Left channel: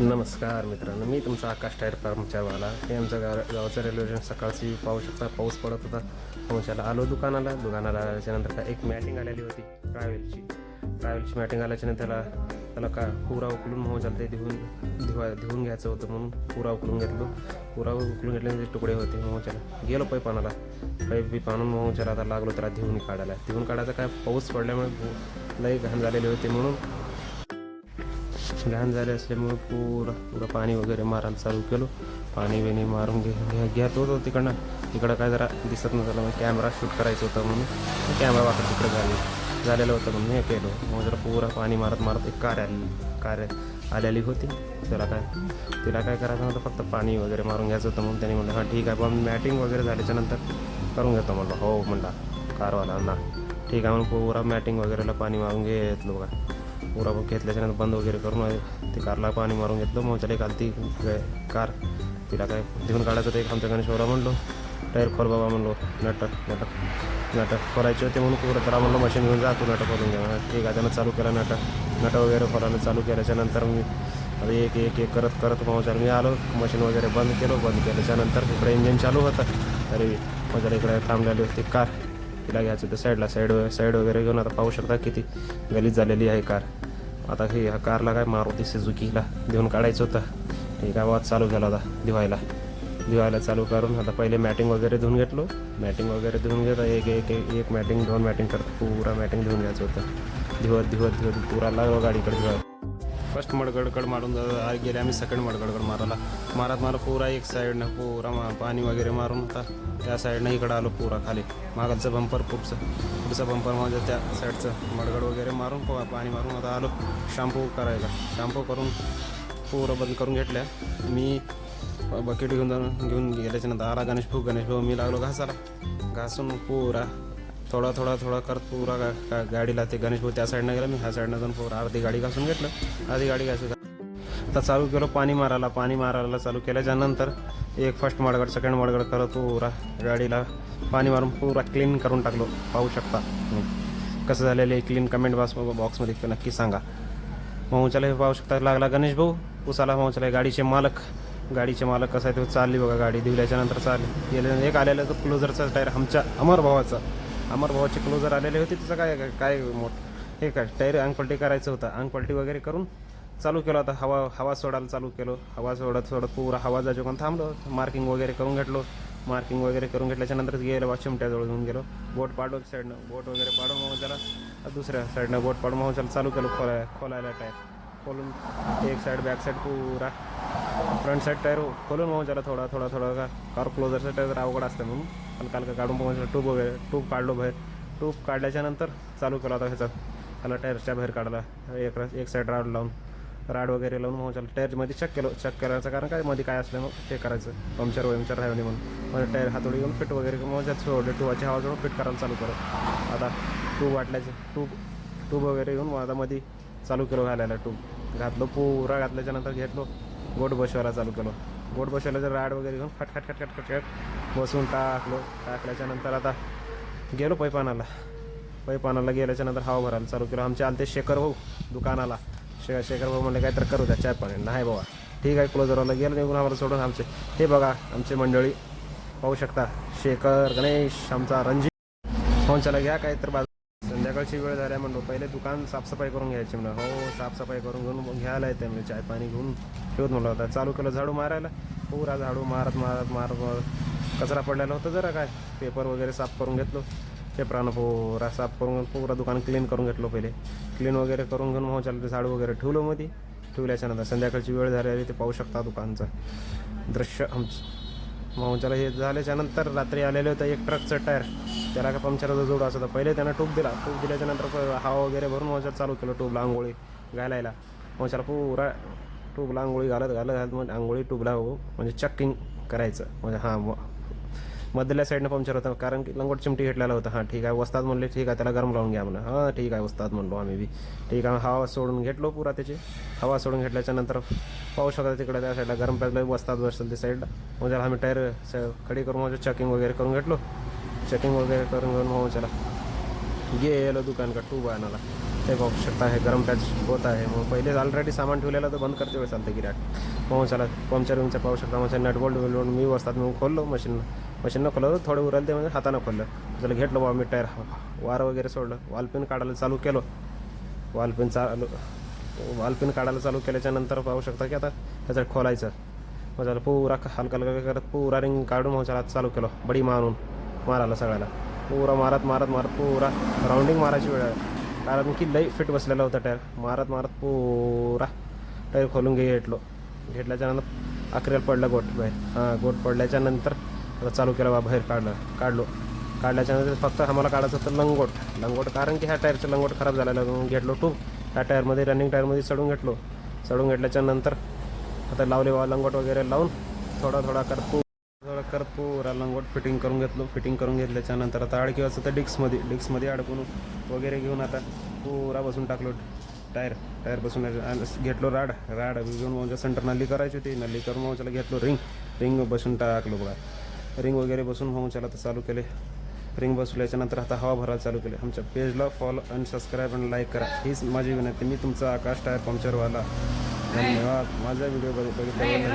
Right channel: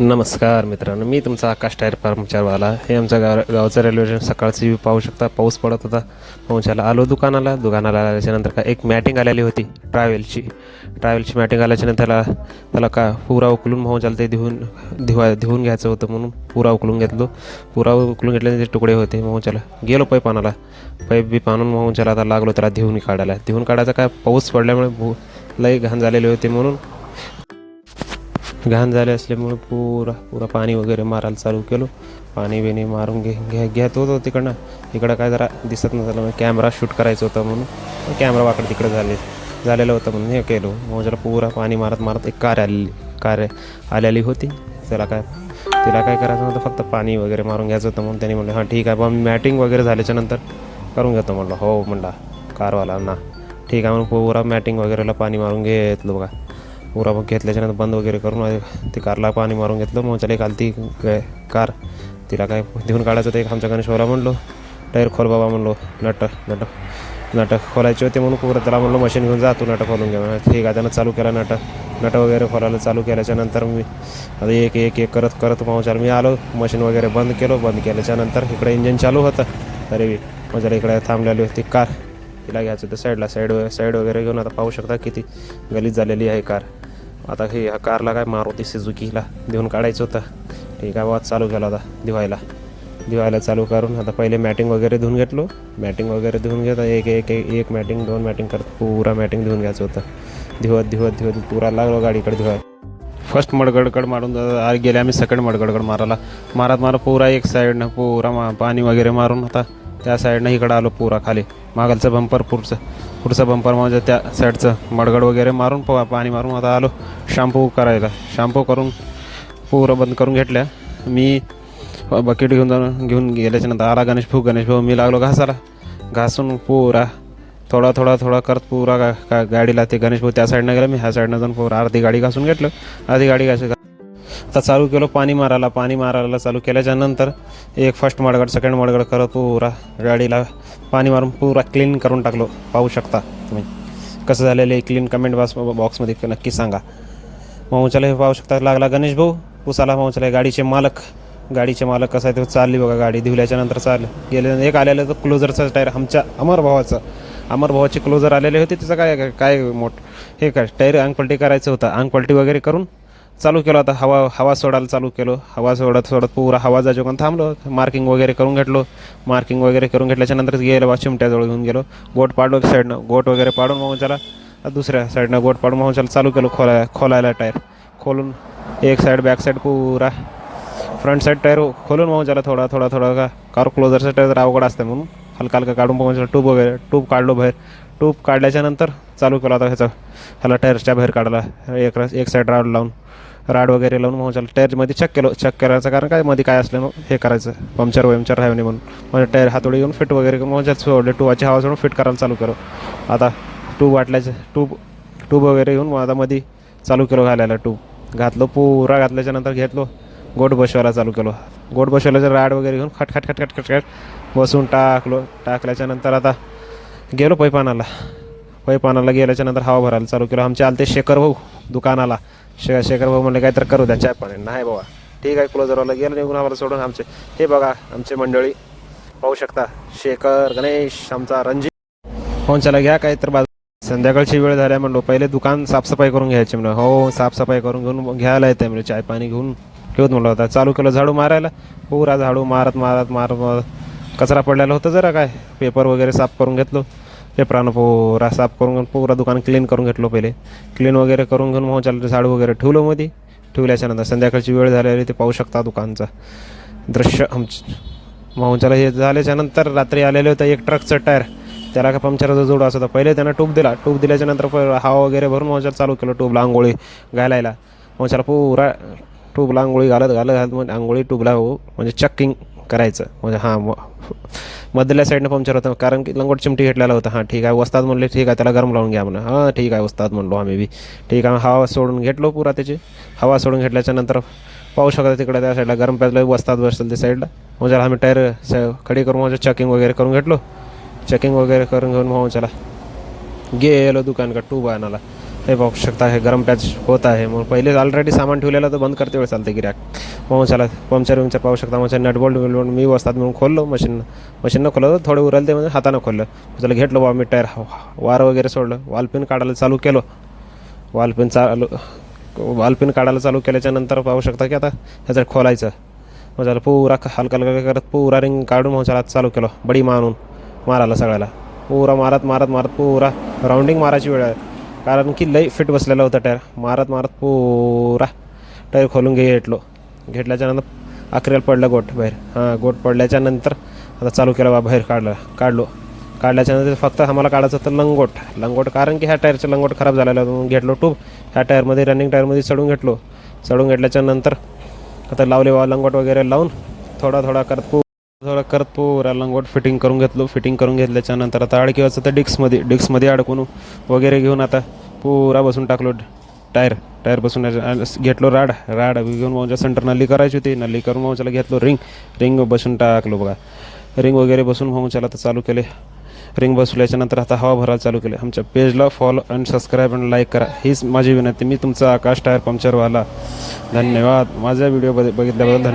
नमस्कार मित्रांनो, मी तुमचा आकाश टायर कर्मचारीवाला. हे आमचं गावचं रेल्वे स्टेशन सकाळची व्ह्यू पाहू शकता. पाऊस पडत होता. पोहोचायला आलो दुकानाला आल्याच्यानंतर का एक मॅटिंग आलेली होती ट्रॅव्हलची मॅटिंग आल्याच्यानंतर त्याला का पुरा उकलून पोहोचायला ते धुवून घ्यायचं होतं, म्हणून पुरा उकलून घेतल्याने ते तुकडे होते. पोहोचायला गेलो पाईप बी आणून पोहोचायला आता लागलो त्याला धुवून काढायचा. काय पाऊस पडल्यामुळे लई घाण झालेली होती, म्हणून घाण झाले असल्यामुळे पुरा पाणी वगैरे मारायला चालू केलो. पाणी बिणी मारून घेत होतो. इकडं काय जरा दिसत नसलं, कॅमेरा शूट करायचं होतं म्हणून कॅमेरा वाकडं तिकडे झालेलं होतं म्हणून हे केलो. मग जरा पुरा पाणी मारत एक कार आलेली होती. तिला काय करायचं नव्हतं, फक्त पाणी वगैरे मारून घ्यायचं होतं. म्हणून त्यांनी म्हणलं हां ठीक आहे बा, मी मॅटिंग वगैरे झाल्याच्या नंतर करून घेतो. म्हणलं हो म्हणला कारवाला ना, ठीक आहे. म्हणून पुरा मॅटिंग वगैरेला पाणी मारून घेतलं बघा. पुरा मग घेतल्याच्यानंतर बंद वगैरे करून ती कारला पाणी मारून घेतलं. मग चला घालती कार, तिला काय धुवून काढायचं होतं. एक आमच्या गणेशभाऊला म्हणलो टायर खोल बाबा, म्हणलो नट खोलायचे होते म्हणून पुरं त्याला म्हणलो मशीन घेऊन जा, तू नट खोलून घ्या. ठीक आहे, त्यानं चालू केला नट वगैरे खोलायला चालू केल्याच्यानंतर मी आता एक करत पोहोचायला मी आलो. मशीन वगैरे बंद केल्याच्यानंतर इकडे इंजिन चालू होतं. तरी माझ्या इकडे थांबलेली होती कार, तिला घ्यायचं होतं साईड वगैरे घेऊन. आता पाहू शकता किती गलीज झालेली आहे कार. आता ह्या कारला काय मारुती सुझुकीला धुवून काढायचं होतं. ठीक आहे, वाद चालू केला होता धुवायला चालू करून. आता पहिले मॅटिंग वगैरे धुवून घेतलो. मॅटिंग वगैरे धुवून घेता एक मॅटिंग 2 मॅटिंग करत पुरा मॅटिंग धुवून घ्यायचं होतं. धुवत पुरा लागलो गाडीकडे धुवायला. फर्स्ट मडगडकड मारून गेले आम्ही. सेकंड मडगडकड मारत पुरा एक साईडनं पुरा पाणी वगैरे मारून आता त्या साईडनं इकडं आलो. पुरा खाली मागलचं बंपर पुढचं बंपर म्हणजे त्या साईडचं मडगड वगैरे मारून पाणी मारून आता आलो शॅम्पू करून पुरं बंद करून घेतल्या. मी बकेट घेऊन गेल्याच्यानंतर आला गणेश भाऊ. मी लागलो घासून पुरा थोडा करत पुरा गाडीला. ते गणेश भाऊ त्या साईडनं गेला, मी ह्या साईडनं जाऊन पुरा अर्धी गाडी घासून घेतलं. आता चालू केलं पाणी मारायला चालू केल्याच्यानंतर एक फर्स्ट मडगड सेकंड मडगड करत पुरा गाडीला पाणी मारून पुरा क्लीन करून टाकलो. पाहू शकता तुम्ही कसं झालेलं आहे क्लीन. कमेंट बॉक्समध्ये नक्की सांगा. माऊच्याला हे पाहू शकता लागला गणेश भाऊ पुसाला. माऊच्याला गाडीचे मालक कसं आहे ते चालली बघा गाडी. धुवल्याच्यानंतर गेले. एक आलेलं तर क्लोजरचं टायर आमच्या अमर भावाची क्लोजर आलेली होती. त्याचं काय हे काय टायर अंग पलटी करायचं होतं. अंग पलटी वगैरे करून चालू केलं. आता हवा सोडायला चालू केलो. हवा सोडत पुरा हवा जायचं पण थांबलो. मार्किंग वगैरे करून घेतल्याच्यानंतर गेलो चिमट्याजवळ घेऊन गेलो. गोट पाडलो साईडनं. गोट वगैरे पाडून मग त्याला दुसऱ्या साईडनं गोट पाडून मग त्याला चालू केलो खोलायला टायर खोलून. एक साईड बॅक साईड पुरा फ्रंट साईड टायर खोलून मग त्याला थोडा का कार क्लोजरचं टायर जर अवघड असतं म्हणून हलका काढून मग ट्यूब काढलो बाहेर. ट्यूब काढल्याच्यानंतर चालू केला. आता ह्याला टायरच्या बाहेर काढला. एक साईड राड वगैरे लावून मग टायरमध्ये चेक करायचं. कारण काय मध्ये काय असलं मग हे करायचं पंक्चर राहावे नाही म्हणून म्हणजे टायर हातोडी घेऊन फिट वगैरे मग सोडले. ट्यूबाची हवा सोडून फिट करायला चालू केलो. आता ट्यूब वगैरे घेऊन मग आता मध्ये चालू केलो घालायला. ट्यूब घातलो पुरा घातल्याच्यानंतर घेतलो गोट बसवायला चालू केलो. गोट बसवायला राड वगैरे घेऊन खट बसून टाकल्याच्यानंतर आता गेलो पाईप आणायला गेल्याच्यानंतर हवा भरायला चालू केलं. आमचे आलते शेखर भाऊ दुकानाला. शेखर भाऊ म्हणले काहीतरी करू द्या चाय पाणी. नाही बाबा ठीक आहे. क्लोजरवाला गेलं निघून आम्हाला सोडून. हे बघा आमचे मंडळी पाहू शकता. शेखर गणेश आमचा रणजित. फोन चला घ्या काही तर संध्याकाळची वेळ झाल्या म्हणलो पहिले दुकान साफसफाई करून घ्यायची म्हणलं. हो साफसफाई करून घेऊन घ्यायला येते म्हणजे चाय पाणी घेऊन ठेवत म्हणलं होता. चालू केलं झाडू मारायला. पुरा झाडू मारत कचरा पडलेला होता जरा काय पेपर वगैरे साफ करून घेतलो. पेपरानं पुरा साफ करून पुरा दुकान क्लीन करून घेतलो. पहिले क्लीन वगैरे करून घेऊन मग चालतं झाडू वगैरे ठेवल्याच्यानंतर संध्याकाळची वेळ झालेली ते पाहू शकता दुकानचं दृश्य. मोहनच्याला हे झाल्याच्यानंतर रात्री आलेलं होतं एक ट्रकचं टायर. त्याला का पंक्चरचा जोड असं होता. पहिले त्यानं ट्यूब दिल्याच्यानंतर हवा वगैरे भरून मोहनच्याला चालू केलं ट्यूबला आंघोळी घालायला. मोहनच्याला पुरा ट्यूबला आंघोळी घालत म्हणजे आंघोळी ट्यूबला म्हणजे चेकिंग करायचं. म्हणजे मधल्या साईडनं पंक्चर होतं कारण की लंगोट चिमटी घेतलेला होता. ठीक आहे वस्ताद म्हणले ठीक आहे त्याला गरम लावून घ्या म्हणून. ठीक आहे वस्ताद म्हणलो आम्ही बी. ठीक आहे हवा सोडून घेतलो पुरा. त्याची हवा सोडून घेतल्याच्यानंतर पाहू शकता तिकडे त्या साईडला गरम प्याजलं वस्ताद बसलं त्या साईडला. म्हणजे आम्ही टायर खडी करून म्हणजे चेकिंग वगैरे करून घेतलो. चेकिंग वगैरे करून घेऊन मग चला गेलो दुकानकडे ट्यूब आणायला. हे पाहू शकता हे गरम पॅच होत आहे. मग पहिले ऑलरेडी सामान ठेवलेलं तर बंद करते वेळ चालते गिऱ्हाईक. मग चला पंक्चर विंक्चर पाहू शकता. मग नटबोल्ट बिलबोल्ट मी बसतात म्हणून खोललो मशीननं खोललं तर थोडं उरलं ते म्हणजे हातानं खोललं. चला घेतलं बा मी टायर वार वगैरे सोडलं. वालपिन काढायला चालू केलं. वालपिन काढायला चालू केल्याच्यानंतर पाहू शकता की आता ह्याचं खोलायचं. मग त्याला पुरा हलका हलका करत पुरा रिंग काढून मग त्याला चालू केलं बडी मारायला सगळ्याला. पुरा मारत पुरा राऊंडिंग मारायची वेळ आहे. कारण की लई फिट बसलेला होता टायर. मारत पुरा टायर खोलून घेतल्याच्यानंतर अखेरीला पडलं गोट बाहेर. गोट पडल्याच्यानंतर आता चालू केलं बा बाहेर काढल्याच्यानंतर फक्त आम्हाला काढायचं होतं लंगोट. कारण की ह्या टायरचं लंगोट खराब झालेलं होतं. मग घेतलो ट्यूब ह्या टायरमध्ये रनिंग टायरमध्ये चढून घेतल्याच्यानंतर आता लावले बा लंगोट वगैरे लावून थोडा करत पुरा लंगोट फिटिंग करून घेतल्याच्यानंतर आता अडकिवायचं तर डिस्कमध्ये अडकून वगैरे घेऊन आता पुरा बसून टाकलो टायर बसून घेतलो राड घेऊन मग सेंटर नल्ली करायची होती. नल्ली करून मग त्याला घेतलो रिंग बसून टाकलो बघा. रिंग वगैरे बसून मग त्याला आता चालू केले. रिंग बसवल्याच्यानंतर आता हवा भरायला चालू केले. आमच्या पेजला फॉलो आणि सबस्क्राईब आणि लाईक करा हीच माझी विनंती. मी तुमचा आकाश टायर पंक्चरवाला. धन्यवाद. माझा व्हिडिओ बघितल्याबद्दल.